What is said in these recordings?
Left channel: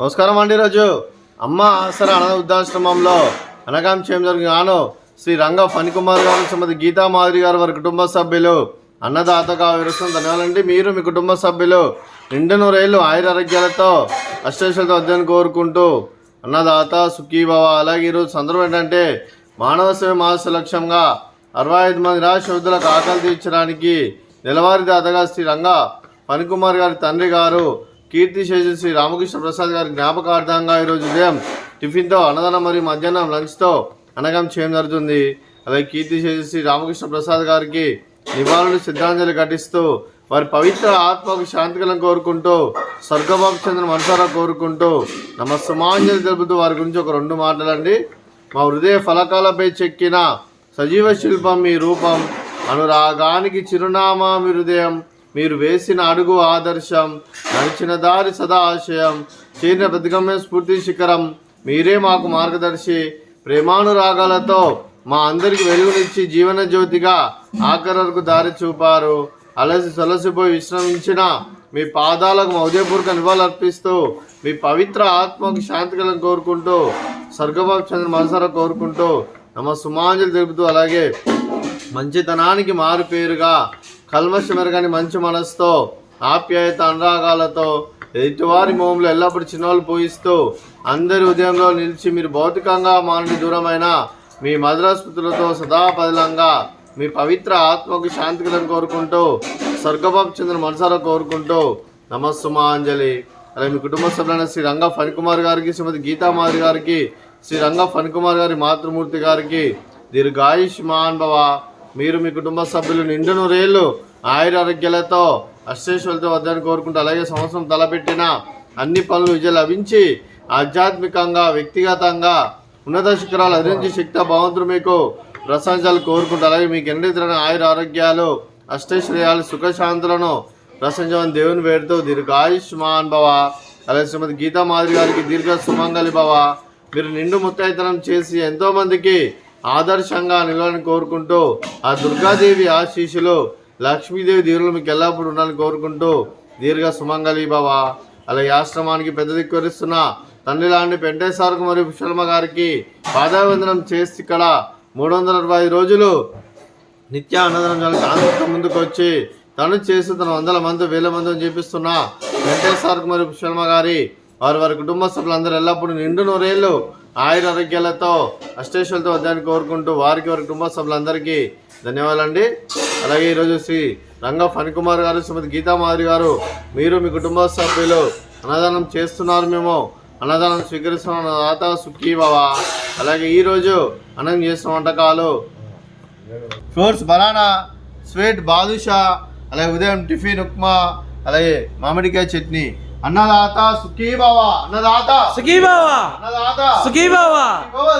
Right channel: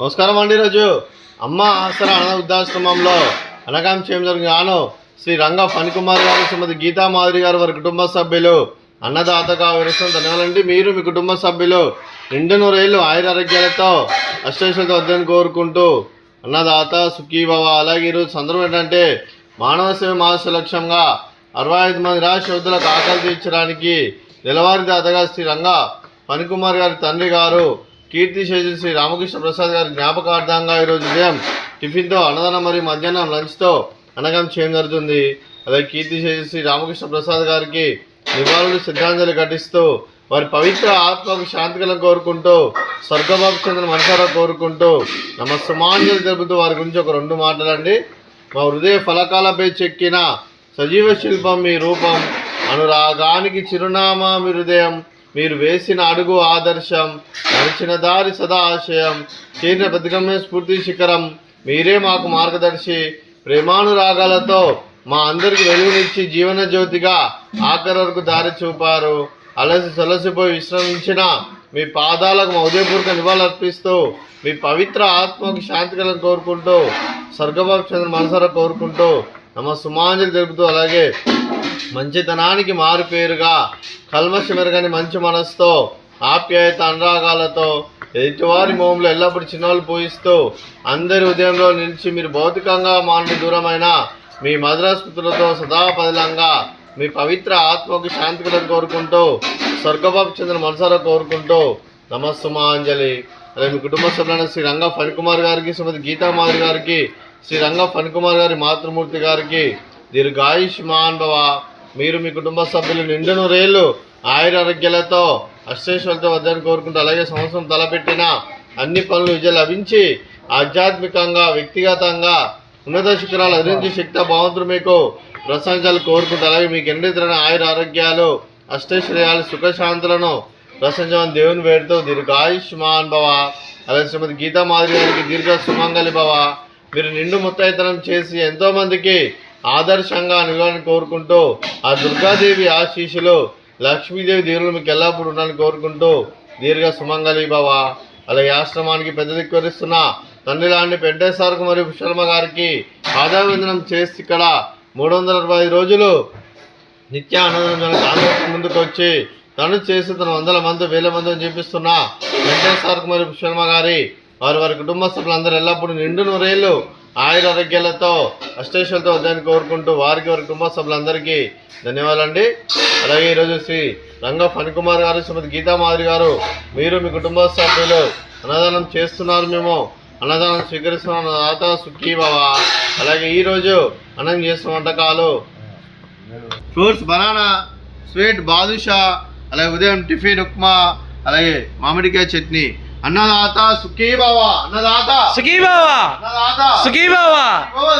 నమస్కారం అండి. ఈరోజు అమ్మ ఆసరా అనాథ వృద్ధాశ్రమంలో అనగాం చేయడం జరిగిన శ్రీ రంగ ఫణికుమార్ గారు, శ్రీమతి గీతా మాధురి గారు, వారి కుటుంబ సభ్యులు అన్నదాతగా వివరిస్తున్న ధన్యవాదాలండి. మీరు మీ కుటుంబ సభ్యులు నిండు నూరేళ్ళు ఆయురారోగ్యాలతో అష్టైశ్వర్యాలతో వద్దని కోరుకుంటూ అన్నదాత సుఖీభవ. అలాగే ఈరోజు సందర్భం ఏంటంటే మానవ సేవ మహోత్సవ లక్ష్యంగా 65 మంది నిరాశ వృద్ధులకు ఆకలి తీర్చడానికి నెలవారీ దాతగా శ్రీ రంగ ఫణికుమార్ గారి తండ్రి గారు కీర్తిశేషులు శ్రీ రామకృష్ణ ప్రసాద్ గారి జ్ఞాపకార్థంగా ఈరోజు ఉదయం టిఫిన్తో అన్నదానం మరియు మధ్యాహ్నం లంచ్తో అన్నదానం చేయడం జరుగుతుంది. అలాగే కీర్తిశేషులు శ్రీ రామకృష్ణ ప్రసాద్ గారికి నివాళులు శ్రద్ధాంజలి ఘటిస్తూ వారి పవిత్ర ఆత్మకు శాంతికలను కోరుకుంటూ స్వర్గబాబు చెందిన మనసారా కోరుకుంటూ నమస్సుమాంజలి తెలుపుతూ వారి గురించి ఒక 2 మాటలండి. మా హృదయ ఫలకాలపై చెక్కిన సజీవ శిల్పం మీ రూపం, అనురాగానికి చిరునామా మీ హృదయం, మీరు వేసిన అడుగు ఆదర్శం, నడిచిన దారి సదా ఆశయం, చేరిన ప్రతిగమ్య స్ఫూర్తి శిఖరం, మీరే మాకు మార్గదర్శి. ప్రేమానురాగాలతో మా అందరికి వెలుగునిచ్చి జీవన జ్యోతిగా ఆఖరి వరకు దారి చూపారు. సొలసిపోయి విశ్రమించిన మీ పాదాలకు మా ఉదయపూర్వక నివాళులర్పిస్తూ మీ పవిత్ర ఆత్మకు శాంతికలను కోరుకుంటూ స్వర్గబాబు చంద్ర మనసారా కోరుకుంటూ నమస్సుమాంజలి తెలుపుతూ, అలాగే మంచితనానికి మారు పేరుగా కల్మషమెరగని మంచి మనసుతో ఆప్యాయత అనురాగాలతో ఎదుటివారి మోములు ఎల్లప్పుడూ చిన్నవాళ్ళు పూయిస్తూ అందరి ఉదయంలో నిలిచి మీరు భౌతికంగా మానని దూరమైన మీ మధురాస్మృతులతో సదాపదిలంగా మీ పవిత్ర ఆత్మకు శాంతికలను కోరుకుంటూ స్వర్గబాబు చంద్ర మనసారా కోరుకుంటూ నమస్సుమాంజలి. అలాగే మీ కుటుంబ సభ్యులైన శ్రీ రంగ ఫణికుమార్ గారికి, శ్రీమతి గీతా మాధురి గారికి, శ్రీ రంగ ఫణికుమార్ గారి మాతృమూర్తి గారికి దీర్ఘాయుష్మాన్ భవ. మీరు మీ కుటుంబ సభ్యులు నిండు నూరేళ్ళు ఆయురారోగ్యాలతో అష్టైశ్వర్యాలతో వద్దని కోరుకుంటూ, అలాగే సంవత్సరం తలపెట్టిన అన్ని పనులు విజయం లభించి ఆధ్యాత్మికంగా వ్యక్తిగతంగా ఉన్నత శిఖరాలు అధించి శక్తి భగవంతుడు మీకు ప్రశంసలు కోరుకుంటూ, అలాగే మీకు ఎన్నితరమైన ఆయురారోగ్యాలు అష్టైశ్వర్యాలు సుఖశాంతులను ప్రశంసమని దేవుని వేడుతూ దీర్ఘాయుష్మాన్ భవ. అలాగే శ్రీమతి గీతా మాధురి గారికి దీర్ఘ సుమంగళి భవ. మీరు నిండు ముత్తైతనం చేసి ఎంతోమందికి ఆదర్శంగా నిలవాలని కోరుకుంటూ ఆ దుర్గాదేవి ఆశీస్సులు లక్ష్మీదేవి దీవులు మీకు ఎల్లప్పుడూ ఉండాలని కోరుకుంటూ దీర్ఘ సుమంగళి భవ. అలాగే ఆశ్రమానికి పెద్ద దిక్కువరిస్తున్న తండ్రి లాంటి వెంకటేశ్వరకు మరియు పుష్పలమ్మ గారికి పాదావందనం చేసి ఇక్కడ 365 రోజులు నిత్య అన్నదానం ముందుకు వచ్చి తను చేసి తన 100 మంది 1000 మందిని చూపిస్తున్న వెంకటేశ్వరకు మరియు పుష్పలమ్మ గారి వారి కుటుంబ సభ్యులందరూ ఎల్లప్పుడూ నిండు నూరేళ్ళు ఆయురారోగ్యాలతో అష్టైశ్వర్యాలతో వద్దని కోరుకుంటూ వారి కుటుంబ సభ్యులందరికీ ధన్యవాదాలండి. అలాగే ఈరోజు శ్రీ రంగ ఫణికుమార్ గారు, శ్రీమతి గీతా మాధురి గారు, మీరు మీ కుటుంబ సభ్యులు అన్నదానం చేస్తున్నారు, మేము అన్నదానం స్వీకరిస్తున్నాం. అన్నదాత సుఖీభవ. అలాగే ఈరోజు అన్నం చేస్తున్న వంటకాలు ఫ్రూట్స్ బనానా, స్వీట్ బాదుషా, అలాగే ఉదయం టిఫిన్ ఉప్మా, అలాగే మామిడికాయ చట్నీ. అన్నదాత సుఖీభవ, అన్నదాత సుఖీభవ, అన్నదాత సుఖీభవ,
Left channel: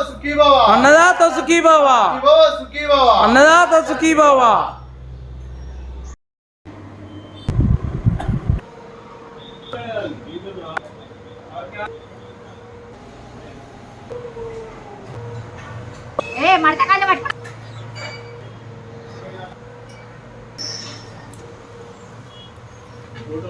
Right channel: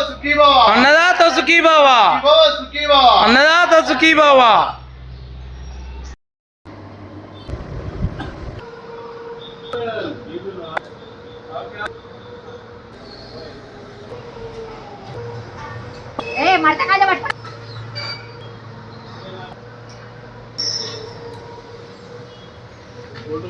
సుఖీభవ, అన్నదాత సుఖీభవ, సుఖీభవ, అన్నదాత సుఖీభవ. ఏ మడతకాయలు పట్టుకో. ఫోటో